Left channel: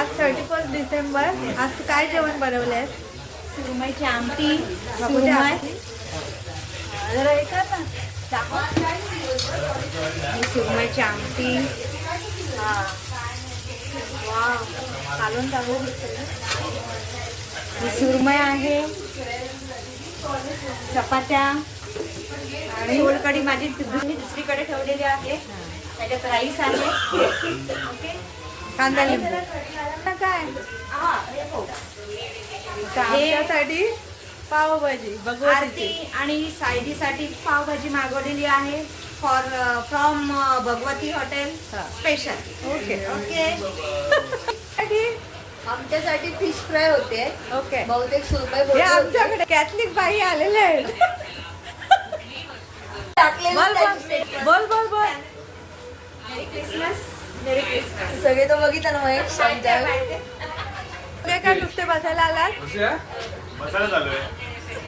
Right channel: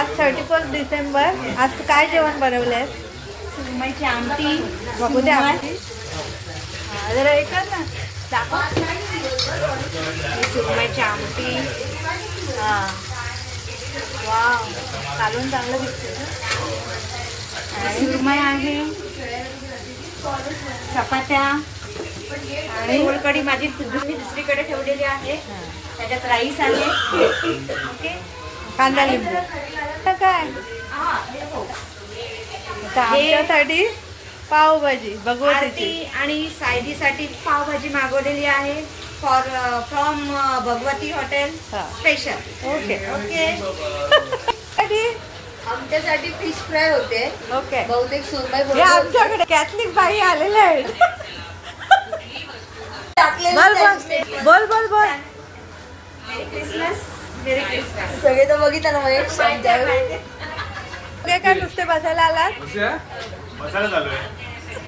आज 31 डिसेंबर. आज तू काय जेवण बनवलंय? सुरमईची आमटी. बघू दे आमटी. जरा हे कर ना, दाखव. ही सुरमईची आमटी. हा, वाव, कालवण चांगलं दिसतंय ना. ही सुरमई आहे. चपात्या आणि सोलकढी माझी दुसरीकडे ठेवलेली आहे. त्याच्यात राईस आहे. ओके, कांदा लिंबू. आता काय आता आमच्यासाठी पावभाजी भगवतीची. आरती आणि सायडीसाठी पावभाजी मागवलेली आहे फ्रॉम भगवती हॉटेल हा. स्पेशल. Okay okay. आमच्यासाठी फिश फ्राय होते. ओके. बहुतेक सुरमई हे बोलते होते. आमच्याकडे कॅथलिक बाई आलेले आहेत. टाकलेलं बोल त्याची बोल statement. बोल बोल बोल. क्रिसमस मेरी क्रिसमस. सगळे तर बघितलं ना महेश तुम्ही काय नुसते बसायला आलात? मसाला चालू आहे.